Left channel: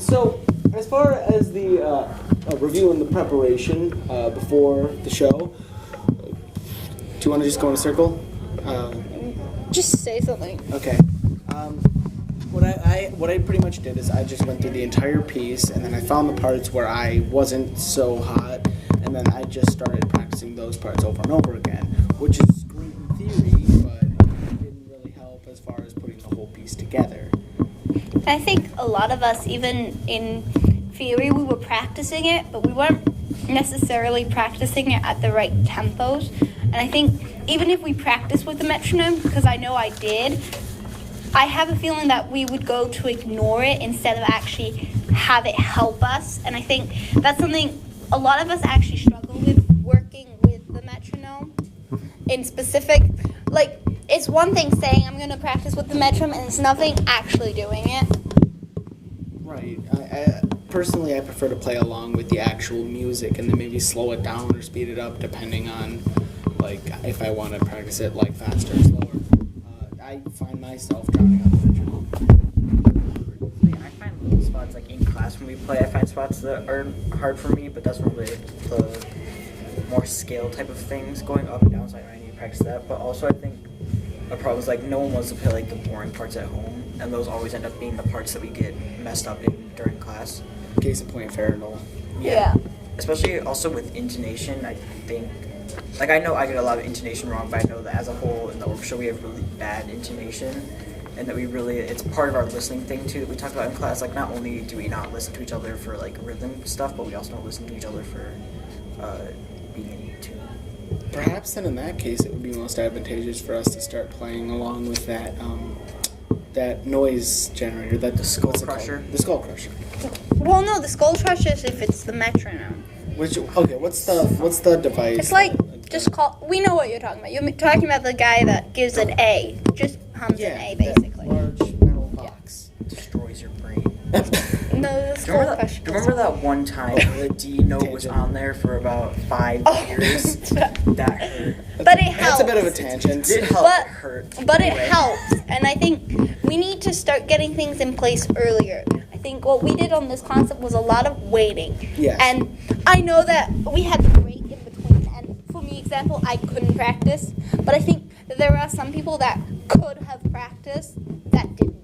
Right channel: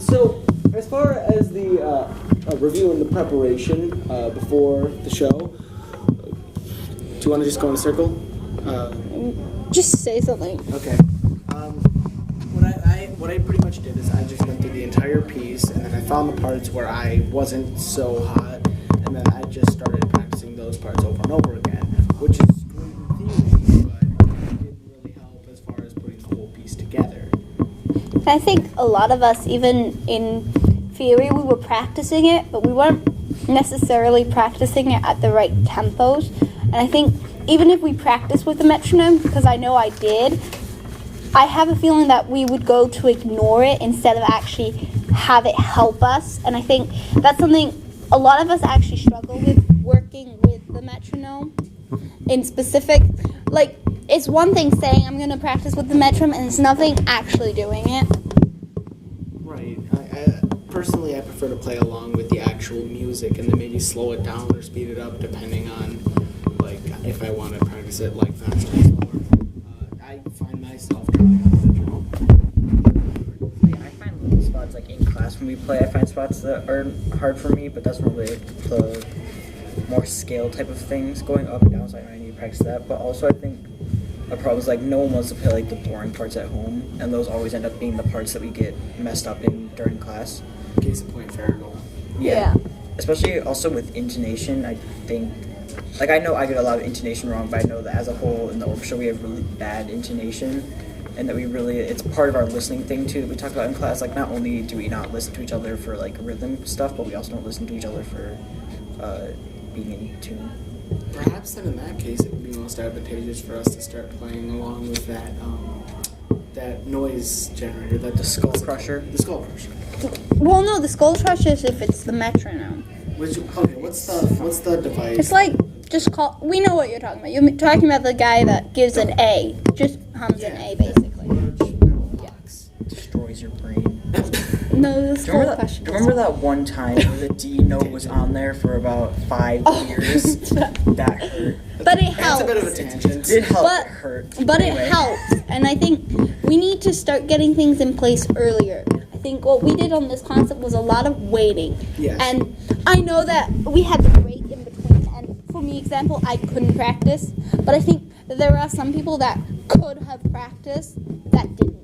So, as far as the review and the preparation before the show, do you want to just go in a circle? Just say something. Okay. What I pretty much did is I just went through the entire piece, and then I found the parts where I wasn't so hot, and then I just started practicing those parts over and over again, which is great in theory, but it didn't really help as far as putting the whole piece together. I think a lot of us, even in theory, we were practicing it, but we weren't necessarily practicing it at the right tempos. And I think even if we practice with the metronome, because I know I did, I have a feeling that we would go to ignore it instead of actually have it help us. And I think that's something a lot of us actually struggle with, working with the metronome in specific. Like, it's one thing saying I'm going to practice with the metronome, and it's nothing actually doing it. Right. Personally, I prefer to play along with the actual music and then maybe slow it down or speed it up depending on, like, if I want to practice it, like, faster or slower. I find myself drowning out the metronome. I find little spots, like, in class when we play, I find spots that are hard for me, but that's normally the more scale type of things, going up and down, so I need to practice that. But also, I think a problem is, like, no one wants to play, like, the boring parts at home, and those always end up being the parts that we get messed up in during class. Case of point, Farrell. Yeah. Especially also with intonation, I think, like, I know I get a lot of intonation wrong, but I know that as a whole in the orchestra we have really bad intonation, and that we really, it's part of our listening thing too that we talk about in class. Like, not only do we not listen to each other for, like, rhythm stuff, but we also don't listen to each other for being in tune. Perhaps then in that case it would be most advantageous for us to start playing along with that that noise generator, the skull crusher. The skull crusher. Well, no, the skull crusher is if it's the metronome. What's the device? It's like, just call, we know what you're talking about. You're talking about the guy that gives an A, just hums an A, basically. Large metal box. Destroys your brain. No, the skull crusher. Do you remember that one time where the D note was on there for about 5 years? That hurt. But it helps. That's a bit of a tangent. It did help. It hurt. But anyway. It helps, and I think we need to start getting things in place earlier. I think what we did on this concert was a lot of waiting. Yes. And I know that we had the break in between, and for me, example, I couldn't practice, but I think that there are some people that could have practiced that didn't.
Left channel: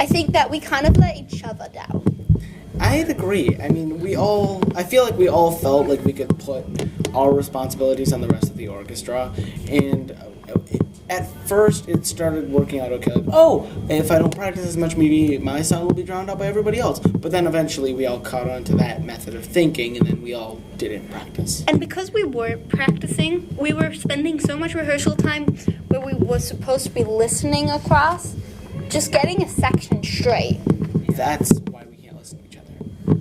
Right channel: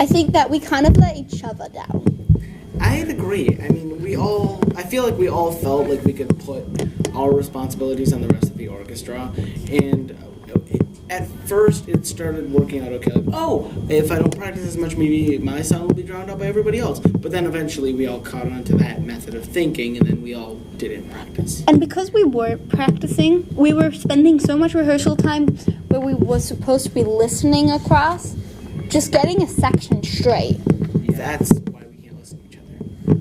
I think that we kind of let each other down. I'd agree. I mean, I feel like we all felt like we could put our responsibilities on the rest of the orchestra, and at first it started working out okay, like, oh, if I don't practice as much, maybe my sound will be drowned out by everybody else. But then eventually we all caught on to that method of thinking, and then we all didn't practice. And because we weren't practicing, we were spending so much rehearsal time where we were supposed to be listening across, just getting a section straight. Yeah. That's why we can't listen to each other.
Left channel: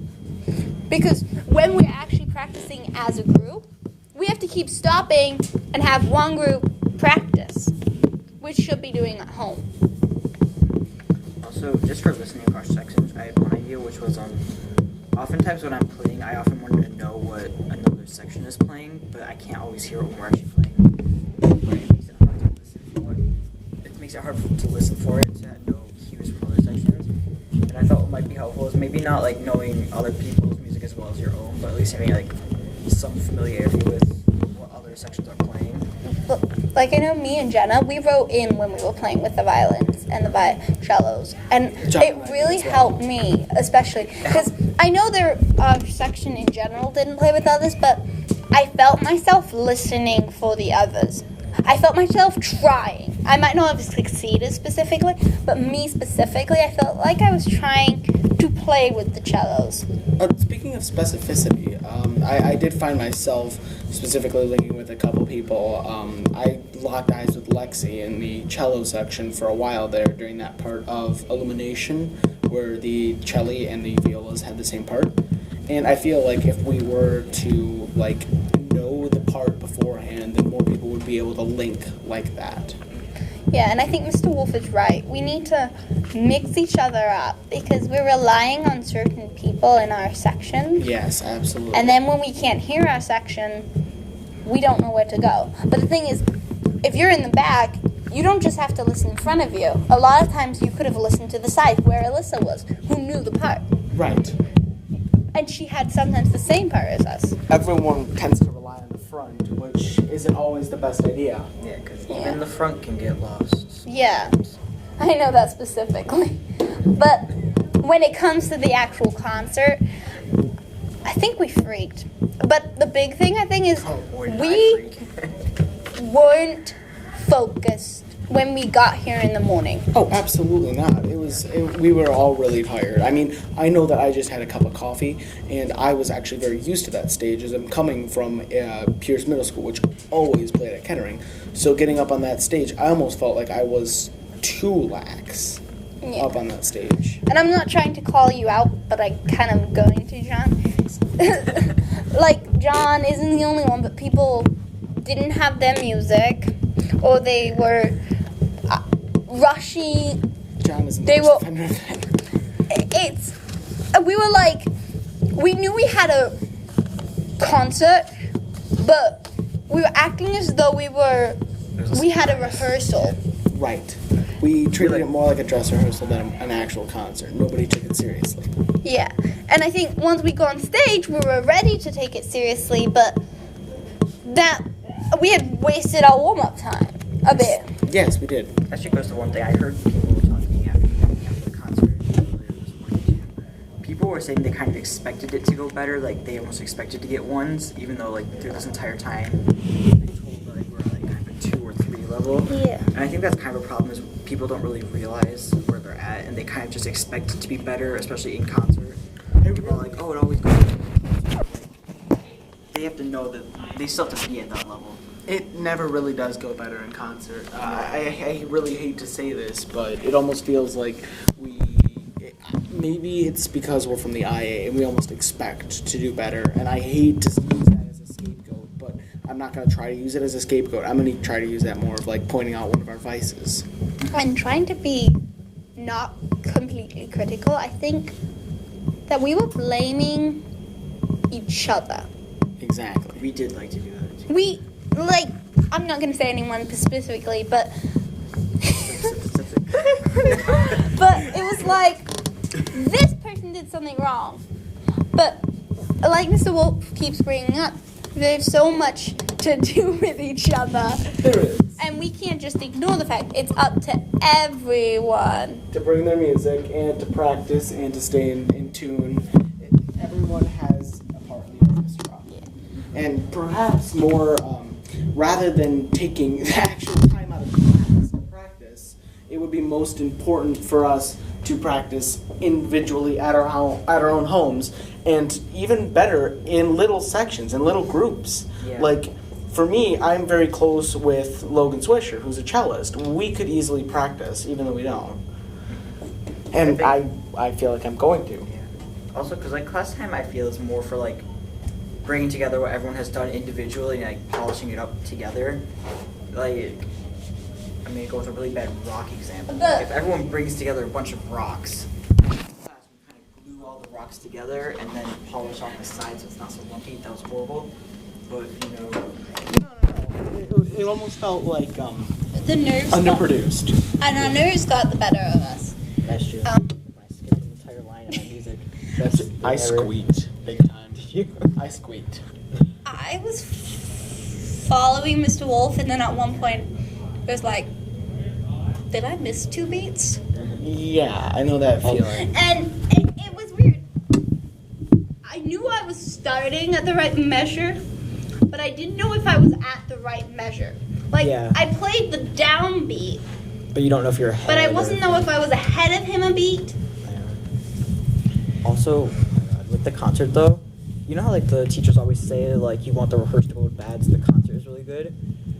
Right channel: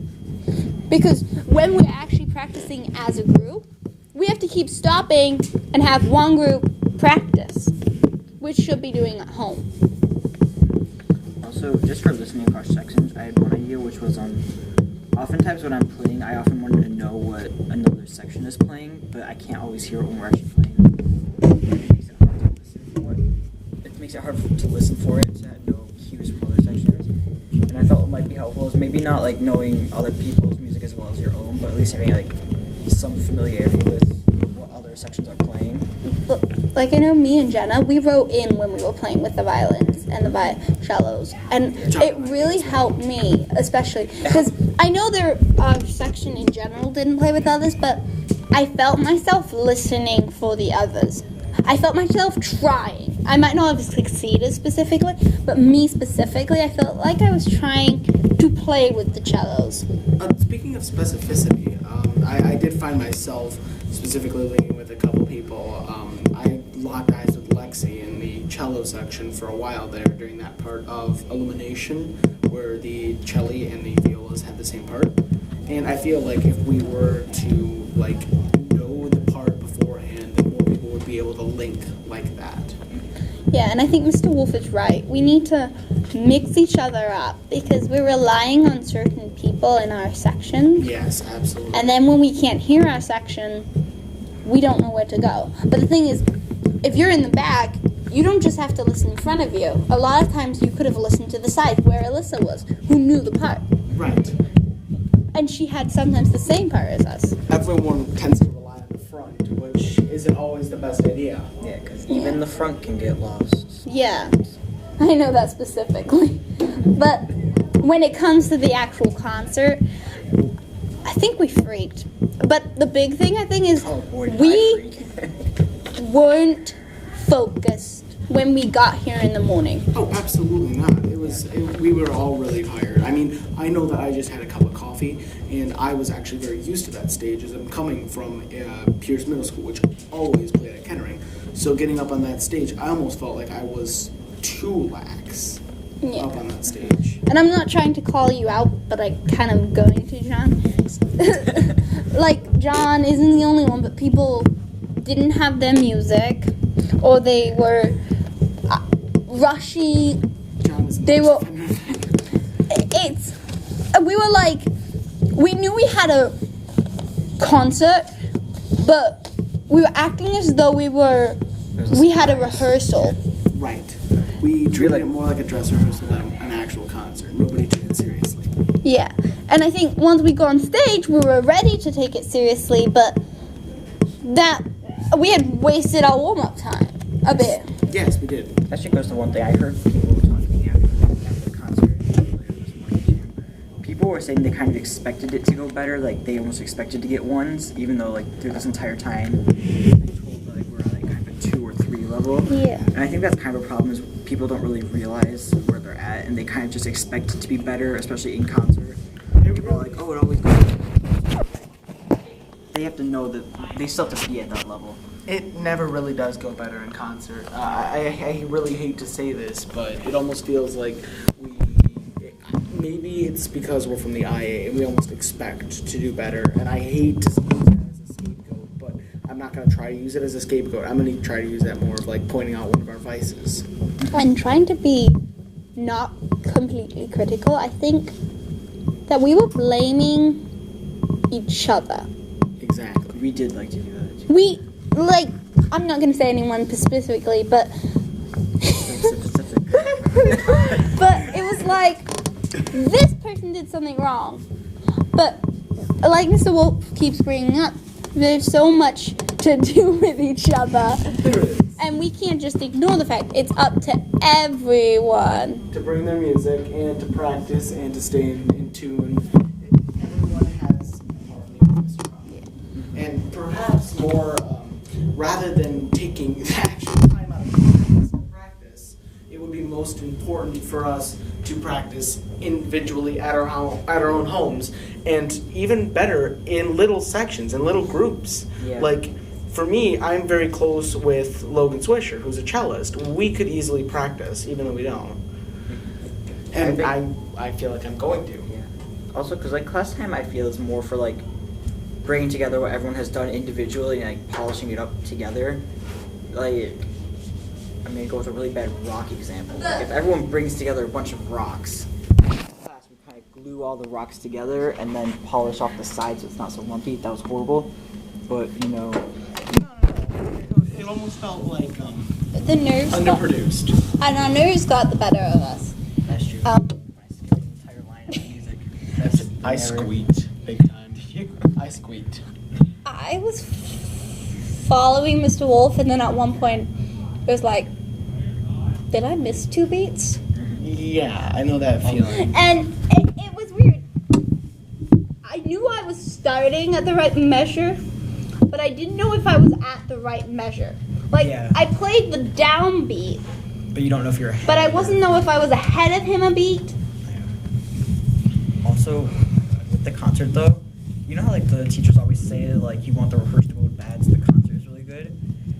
Because when we're actually practicing as a group, we have to keep stopping and have one group practice, which should be doing at home. Also, just for listening across sections, I had one idea, which was oftentimes when I'm playing, I often wanted to know what another section is playing, but I can't always hear it when we're actually playing. It makes it hard to listen for it, to know cues from other sections. And I thought what might be helpful is maybe not, like, knowing other people's music as well as your own, but at least having, like, some familiarity with what other sections are playing. Like, I know me and Jenna, we wrote in when we were playing with the violins and the cellos, and it really helped me, especially, because I know their section in general didn't play with others, but I felt myself listening for the others. I felt myself trying. I might not have succeeded specifically, but me specifically, I felt like I was trying to play with the cellos. Speaking of specificity, I did find myself specifically linking with a couple people. I locked eyes with Lexi in the cello section for a while there during that part of Illumination, where the cello and the violas had the same part. And I feel like if we were to, like, know the part beforehand, then more people would be able to link like that. Yeah, and I think Mr. Wolf is right. We need to mix each other up because we're relying on certain people in our section. Yes, absolutely. And then when we can't hear our section, we don't know where to go. But the thing is, if you're in the back, you don't just have to listen in front of you. A lot of times you could have listened to the side where Alyssa was, who knew the part. Right. And she had sometimes the same part as us. Everyone tends to rely on the front, which isn't always the best idea. Yeah, because even the front can get lost. Yeah, I know that specifically. But when it comes to the actual concert, I think we freaked. But the big thing, I think, is Oh boy, did I we freak. weren't focused when we got here in the morning. Oh, absolutely not. We were all really tired. I mean, I know that I just had a cup of coffee, and I was actually very used to that stage as I'm coming from Pierce Middle School, which always played at Kettering. So getting up on that stage, I almost felt like I was too lax up on that stage. And I'm not trying to call you out, but I kind of going to, John. Like, John isn't the only one, but people didn't have their music, or they were rushing. John is They were. We were like, we knew we had a concert, but we were acting as though we had a rehearsal. Right. We treated it more like a dress rehearsal than an actual concert. Nobody took it seriously. Yeah, and I think once we got on stage, we were ready to take it seriously, but that we had wasted our warm-up time a bit. Yes, we did. That actually goes to one thing. I heard people talking after the concert earlier this morning too. People were saying they kind of expected it to go better, like they almost expected to get ones, even though like through this entire time they've been told that like we're at like kind of a 2 or 3 level. Yeah. And I think that's kind of a problem is people don't really realize where they're at, and they kind of just expect it to be better, especially in concert. People are like, oh, it always goes. They have to know that they still have to be at that level. It never really does go better in concert. I really hate to say this, but it almost feels like maybe it's because we're from the IA and we almost expect to do better. And I hate to use that as a scapegoat, but I'm not going to try to use it as a scapegoat. I'm going to try to use that more of like pointing out one of our vices. And trying to be not completely critical, I think that we were blaming each other. Exactly. We did like to do that too. I'm not going to say anyone specifically, but but it was like, this person did something wrong. But like Mr. Wolf keeps bringing up, there's so much to do with each other. There is. And we can't just ignore the fact it's up to everyone. To bring their music and to practice and to stay in tune. Everyone has a part in the orchestra. Yeah. And perhaps more, rather than taking the actual time out of practice, it would be most important for us to practice individually at our own homes, and even better in little sections, in little groups. Yeah. Like, for me, I'm very close with Logan Swisher, who's a cellist. We could easily practice, even though we don't. And I feel like I'm going to. Yeah. Also, because like class time, I feel is more for like bringing together what everyone has done individually and like polishing it up together. Like, I'm gonna go with a really bad rock example. Like, if everyone brings together a bunch of rocks, in class we kind of glue all the rocks together and then polish off the sides so it's not so lumpy. That was horrible, but you know. It almost felt like The nerves underproduced. and our nerves got the better of us. That's true. Um, I skipped an entire line of my music. I squeaked big time. I squeaked. I was following Mr. Wolf, and then at one point it was like, did I miss 2 beats? Yeah, I know that feeling. And it was weird. I knew I was starting at the right measure, but I didn't know if I was at the right measure. Like, Yeah. I played the downbeat, But you don't know if you're ahead. but I or- wasn't know if I was ahead of him a beat. Also, with the concert though, you know how like the teachers always say like you want the rehearsal to go bad so the concert is really good?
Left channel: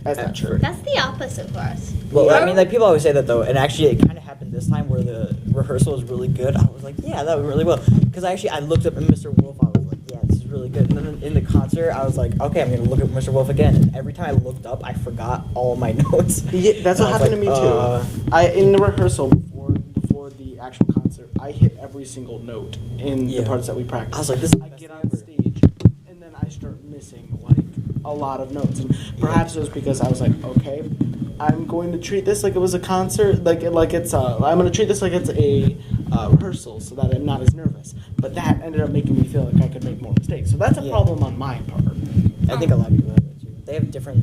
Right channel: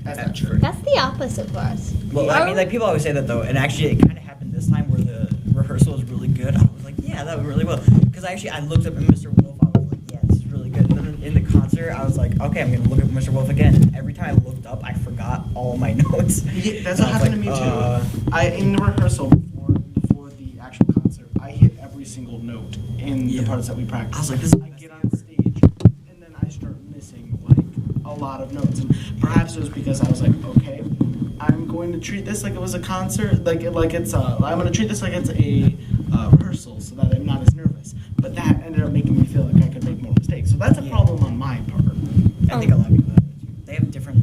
That's not true. That's the opposite for us. Well, I mean, like people always say that though, and actually it kind of happened this time where the rehearsal was really good. I was like, yeah, that went really well, because I looked up at Mr. Wolf. I was like, yeah, this is really good. And then in the concert, I was like, okay, I'm gonna look at Mr. Wolf again. And every time I looked up, I forgot all my notes. Yeah, that's what And I was happened to me like, too. In the rehearsal before the actual concert, I hit every single note in the parts that we practiced. I was like, this is the I best get thing on ever. stage, and then I start missing like a lot of notes, and perhaps it was because I was like, okay, I'm going to treat this like it was a concert, I'm going to treat this like it's a rehearsal, so that I'm not as nervous. But that ended up making me feel like I could make more mistakes. So that's a problem on my part. I think a lot of people have that too. They have different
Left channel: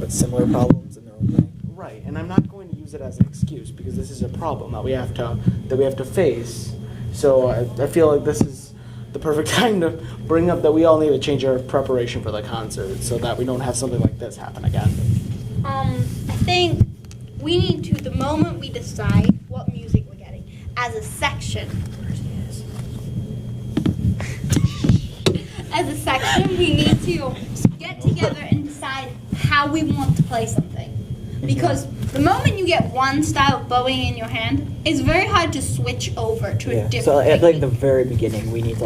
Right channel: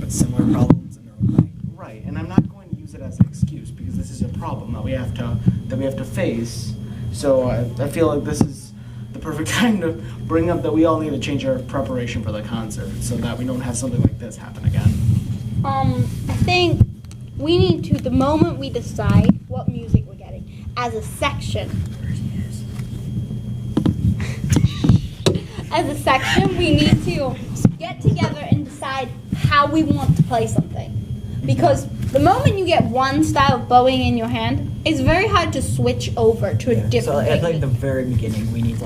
but similar problems in their own way. Right, and I'm not going to use it as an excuse because this is a problem that we have to face. So I feel like this is the perfect time to bring up that we all need to change our preparation for the concert so that we don't have something like this happen again. I think we need to, the moment we decide what music we're getting, as a section, we need to get together and decide how we want to play something. Because the moment you get one style of bowing in your hand, it's very hard to switch over to a different So at technique. the very beginning, we need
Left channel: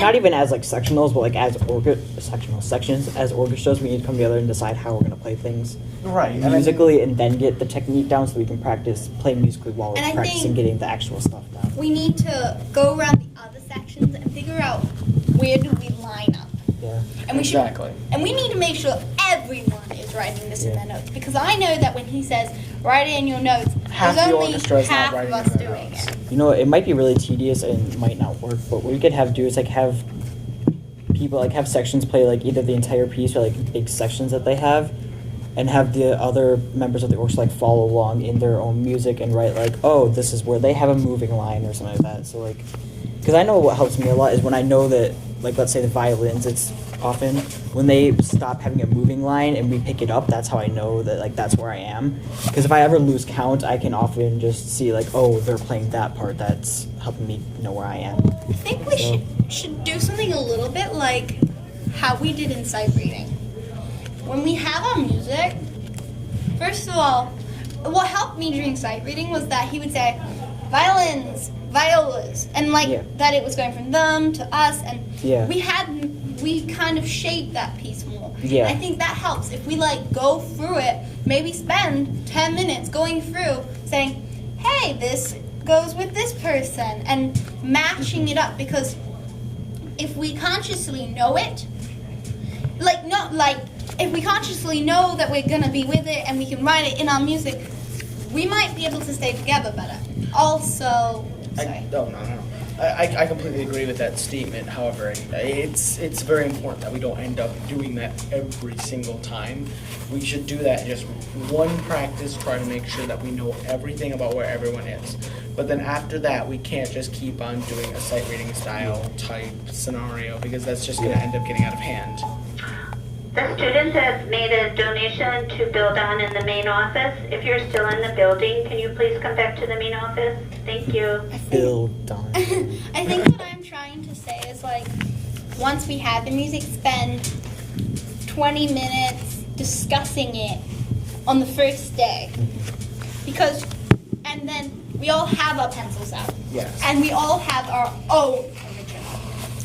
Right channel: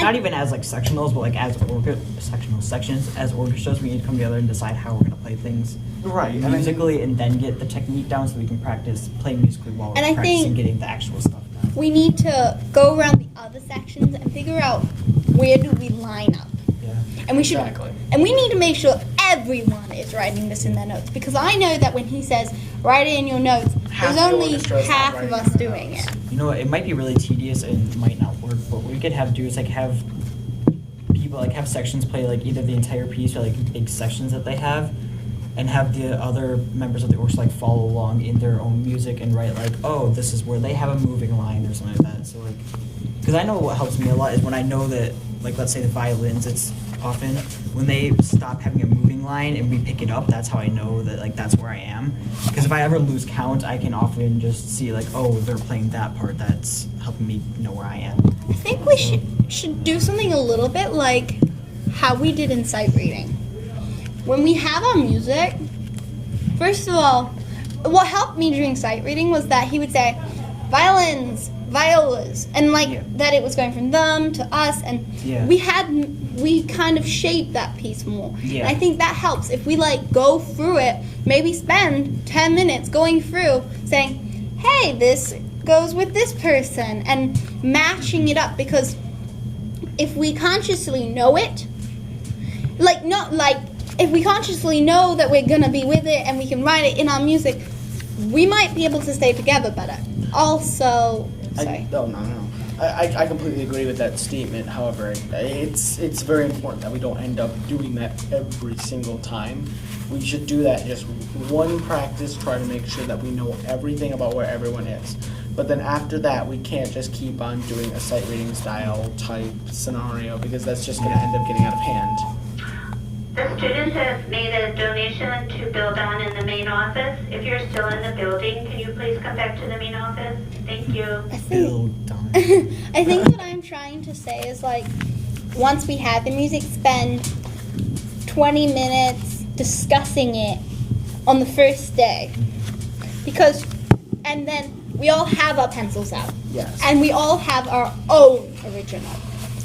not even as sectionals, but as sections, as orchestras, we need to come together and decide how we're going to play things Right, musically, and then get the technique down so we can practice playing musically while we're And I practicing think getting the actual stuff down. we need to go around the other sections and figure out where do we line up. Yeah. And we should, Exactly. and we need to make sure everyone is writing this in their notes, because I know that when he says write it in your notes, Half there's the only orchestra is not half of writing us in their doing notes. it. You know, it might be really tedious and might not work, but what we could have people have sections play either the entire piece or big sections that they have, and have the other members of the orchestra follow along in their own music and write oh, this is where they have a moving line or something like that. So because I know what helps me a lot is when I know that let's say the violins, it's often when they stop having a moving line and we pick it up, that's how I know that that's where I am. Because if I ever lose count, I can often just see oh, they're playing that part. That's helping me know where I am. I think we should do something a little bit like how we did in sight reading. When we have our music, first of all, what helped me during sight reading was that he would say, violins, violas, and that it was going from them to us, and we kind of shaped that piece more. Yeah. I think that helps if we go through it, maybe spend 10 minutes going through saying, hey, this goes with this person, and matching it up, because if we consciously know it, if we consciously know that we're gonna be with it and we can write it in our music, we might be able to stay together better. Also, sorry. No. I completely agree with that statement. However, it's very important that we don't end up doing that every single time. We should do that just one practice, try to make sure that we know everything about where everyone is. But then after that, we can't just keep on doing a sight reading style type scenario, because that's just going to end up getting out of hand. The students have made a donation to Bill Don in the main office. If you're still in the building, can you please come back to the main office? Thank you. Bill Don. I think what I'm trying to say is once we have the music, spend 20 minutes discussing it on the first day. And then we all have our pencils out. Yes. And we all have our own original.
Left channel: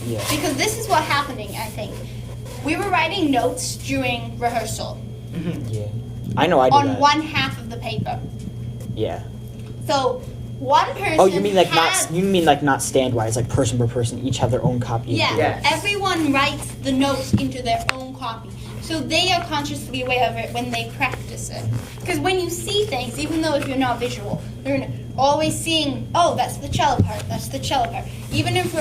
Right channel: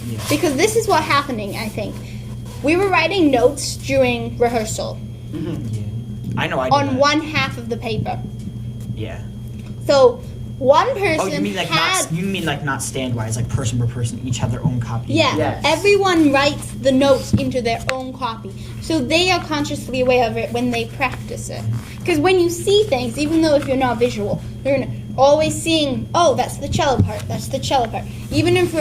Yeah. Because this is what's happening, I think. We were writing notes during rehearsal Yeah. I know I did on that. one half of the paper. Yeah. So one person. Oh, you mean not standwise, person per person, each have their own copy. Yeah, Yes. Everyone writes the notes into their own copy. So they are consciously aware of it when they practice it. Because when you see things, even though if you're not visual, you're always seeing, oh, that's the cello part, that's the cello part. Even if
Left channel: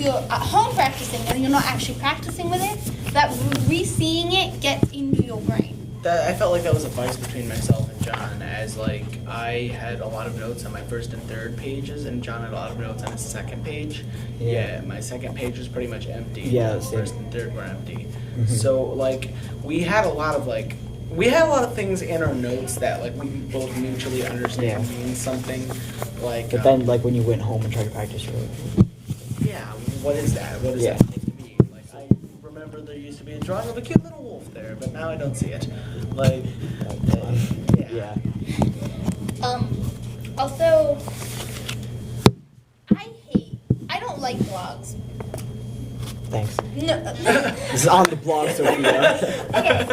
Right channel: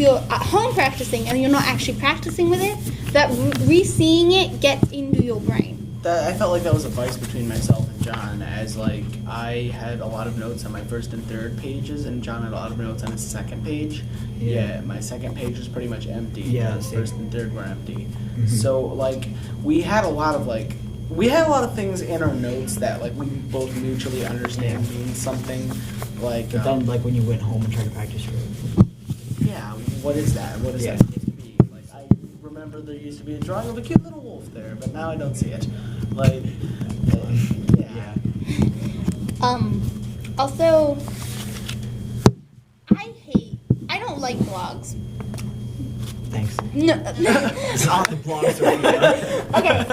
you're at home practicing and you're not actually practicing with it, that re-seeing it gets into your brain. I felt like that was a vice between myself and John, as I had a lot of notes on my first and third pages, and John had a lot of notes on his second page. Yeah, my second page was pretty much empty. Yeah, the same. first and third were empty. So we had a lot of things in our notes that we both mutually understand mean something. But then when you went home and tried to practice, you're yeah, what is that? What is Yeah. that supposed to be? I remember there used to be a drawing of a cute little wolf there, but now I don't see it. yeah. Also, I don't like blogs. Thanks. No. This is on the blog, so Okay.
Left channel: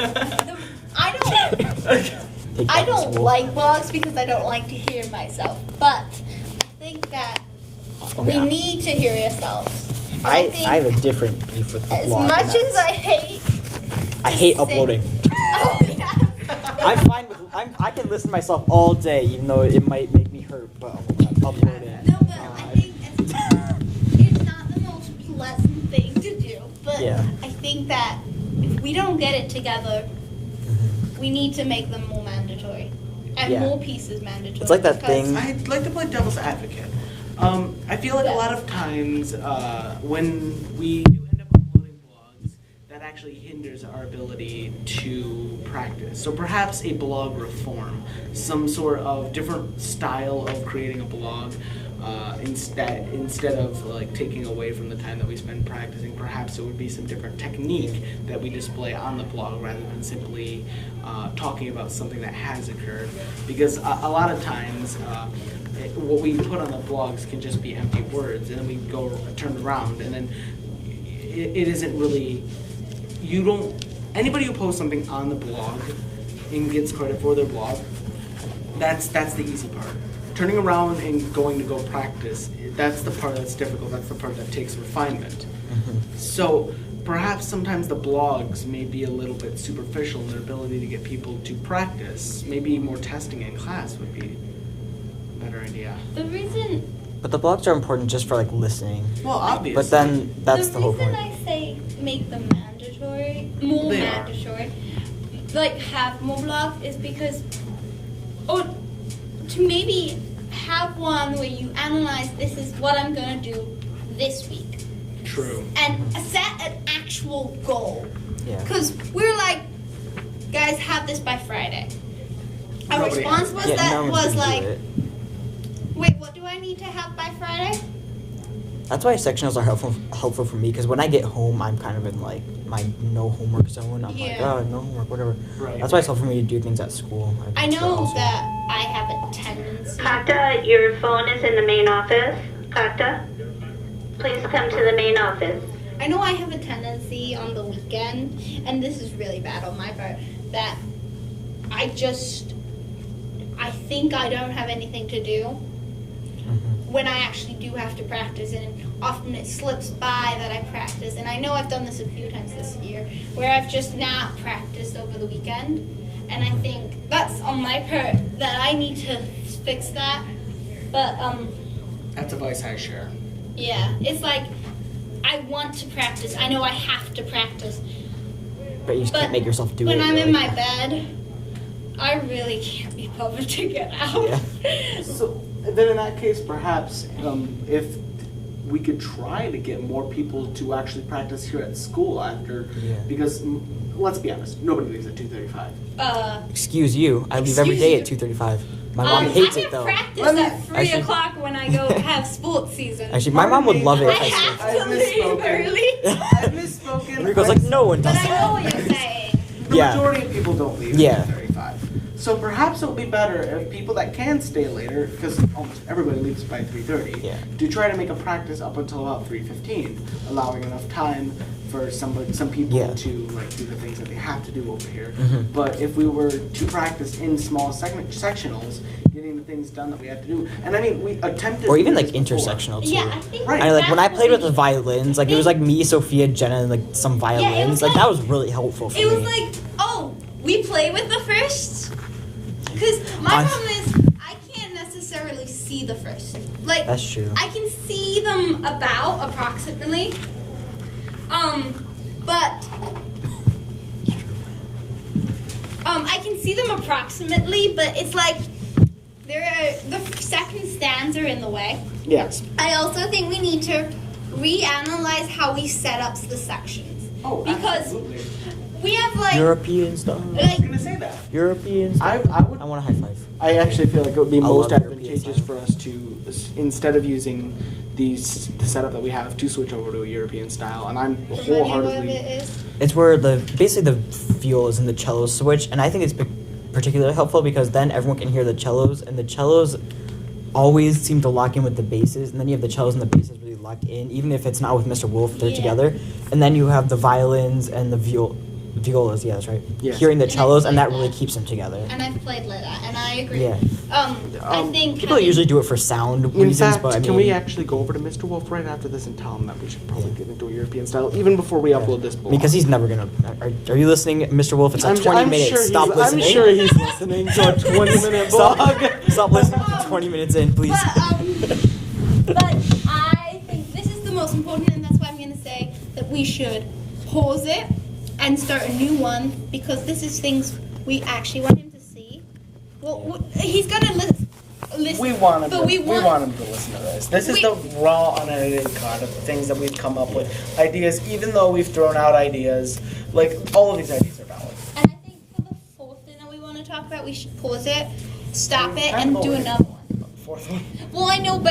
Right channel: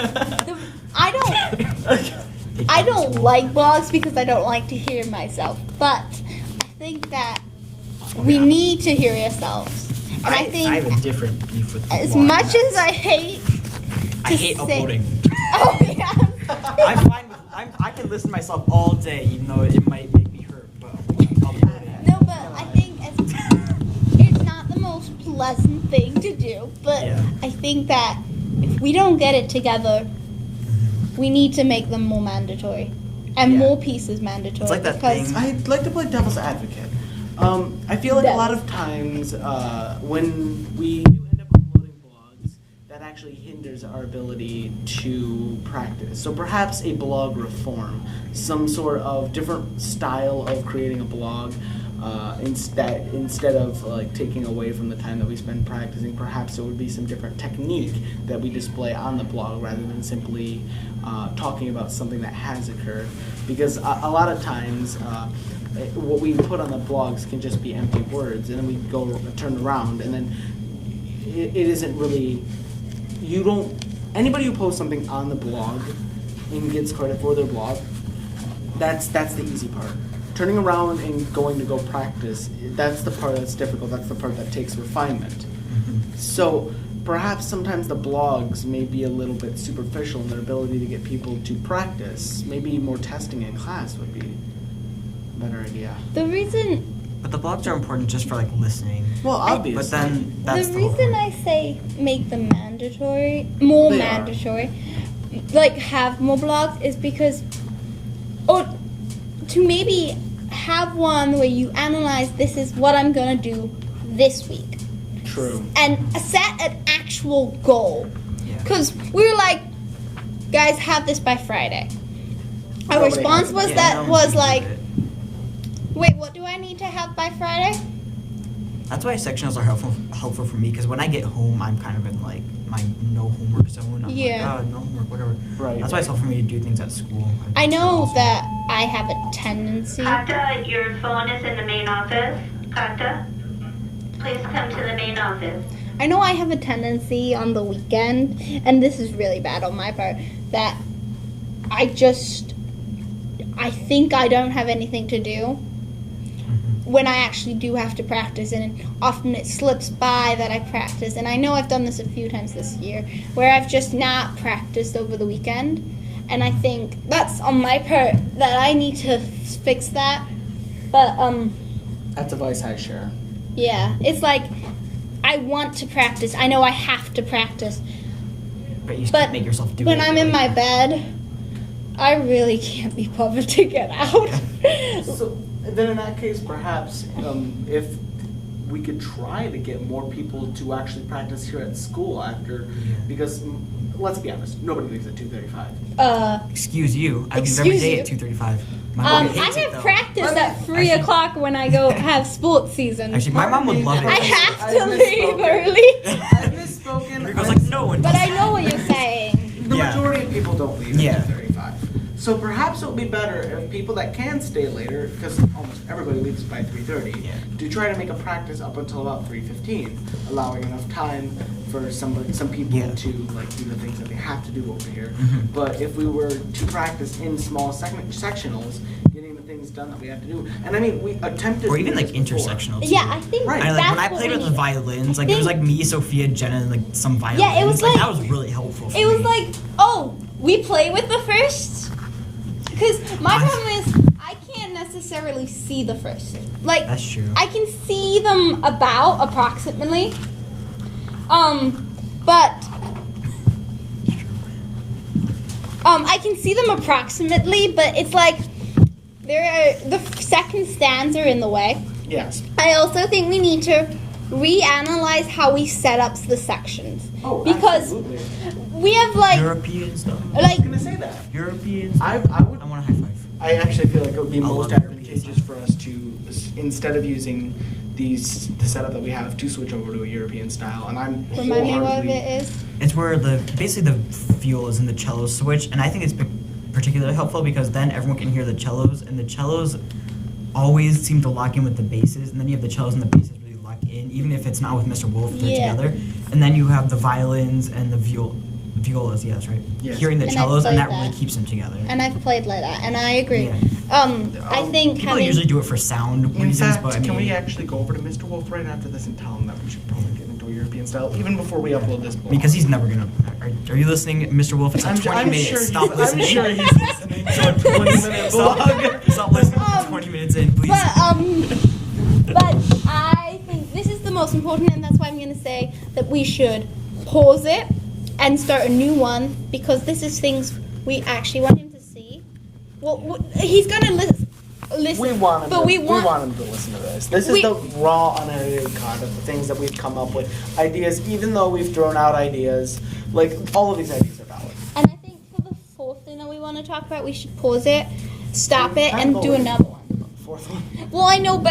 I don't like blogs because I don't like to hear myself. But I think that we need to hear ourselves. And I think have a different beef with the as blog. much as I hate I hate say- uploading. Oh yeah, I'm I'm fine with. I can listen to myself all day, even though it might make me hurt. But I'll put it in. No, but I think it's not the most pleasant thing to do. But Yeah. I think that if we don't get it together, we need to make them more mandatory. And Yeah. more pieces mandatory. It's like that because thing- I'd like to play devil's advocate. I feel like Yeah. a lot of times when we do end up uploading blogs, that actually hinders our ability to practice. So perhaps a blog reform, some sort of different style of creating a blog, instead of like taking away from the time that we spend practicing, perhaps it would be some different technique that we display on the blog rather than simply talking about something that has occurred. Because a lot of times what we put on the blogs can just be empty words, and then we go turn around, and then it isn't really. You don't. Anybody who posts something on the blog and gets credit for their blog, that's the easy part. Turning around and going to go practice, that's the part that's difficult. That's the part that takes refinement. So perhaps sometimes the blogs may be a little bit superficial in their ability to get people to practice. Maybe more testing in class would be a better idea. the reason But the blogs are important just for like listening. Well, obviously. But then that's the whole reason point. I say make them more They are. mandatory, like have more blogs, is because, or to maybe have one where you analyze, this is what I'm gonna do this week, True. and set an actual goal. Yeah. Because we were like, guys, have this by Friday. Our Nobody response has it. was Yeah, that no one was can do like, it. wait, what do I need to have by Friday? That's why sectionals are helpful for me, because when I get home, I'm kind of in like my no homework zone. I'm like, Yeah. oh, no homework, whatever. Right. That's why it's helpful for me to do things at school. I know that I have a tendency. Kata, your phone is in the main office. Kata, please come to the main office. I know I have a tendency on the weekend, and this is really bad on my part, that I think I don't have anything to do when I actually do have to practice, and often it slips by that I practice. And I know I've done this a few times this year, where I've just not practiced over the weekend, and I think that's on my part that I need to fix that. But That's a vice I share. yeah, it's like I want to practice. I know I have to practice. But you just But can't make yourself do it. when I'm in really. my bed, I really can't be bothered to get out. So then, in that case, perhaps if we could try to get more people to actually practice here at school after, because let's be honest, nobody leaves at 2:35. Excuse you. I leave every Excuse day you. at 2:35. My mom I hates it have though. practice Let me- at 3 Actually- o'clock when I go have sports season. Actually, my mom would love it. I if have I've to leave misspoken. early. I've misspoken. Enrico's like, no one does. But I know what you're saying. The Yeah. majority of people don't leave Yeah. at 2:35. So perhaps it would be better if people that can stay later, because almost everybody leaves by 3:30, Yeah. to try to make a practice up until about 3:15, allowing enough time for some people Yeah. to like do the things that they have to do over here. Mm-hmm. But if we were to practice in small sectionals, getting the things done that we have to do, and I mean we attempted, Or to even do like this before. intersectional too. Yeah, I think Right. I like when I that's played what with the we- violins, like it was like me, Sophia, Jenna, and like some violins. was like like- that was really helpful for It me. was like, oh, we play with the first? Because my I- problem is, I can't necessarily see the first. Like, That's true. I can see them about approximately. But I can see them approximately, but it's like the second stanza are in the way. Yes. I also think we need to reanalyze how we set up the sections. Oh, because absolutely. we have like European style. I was like gonna say that. European I style. would. I want a high five. I actually feel like it would be I most love European advantageous style. for us to, instead of using the setup that we have, to switch over to a European style. And I'm remind me what wholeheartedly. it is. It's where basically the fuel is in the cello switch, and I think it's particularly helpful because then everyone can hear the cellos, and the cellos always seem to lock in with the basses, and then you have the cellos and the basses really lock in, even if it's not with Mr. Wolf, they're Yeah. together. And then you have the violins and the violas, yeah, that's right. Yes. Hearing the And I cellos, and played that really that. keeps them together. And I've played like that, and I agree. Yeah. I think People usually do it for sound In reasons, fact, but I mean, can we actually go over to Mr. Wolf right after this and tell him that we should probably get into a European style, even before we upload this blog? because he's never gonna. Are you listening, Mr. Wolf? It's a I'm 20 minutes. sure Stop listening. I'm sure he's listening to a 20-minute blog. Stop listening to 20 minutes in, please. But I think this is the most important, and that's why I'm going to say that we should pause it and start a new one, because this is things we actually want him to see. Well, he's got to listen. We want him. But We want him to listen to this. This is the raw, unedited content of the things that we've come up with. Ideas, even though we've thrown out ideas, like all of these ideas are valid. And I think for the fourth thing that we want to talk about, we should pause it, stop it, and do another one. Fourth one. Well, I know, but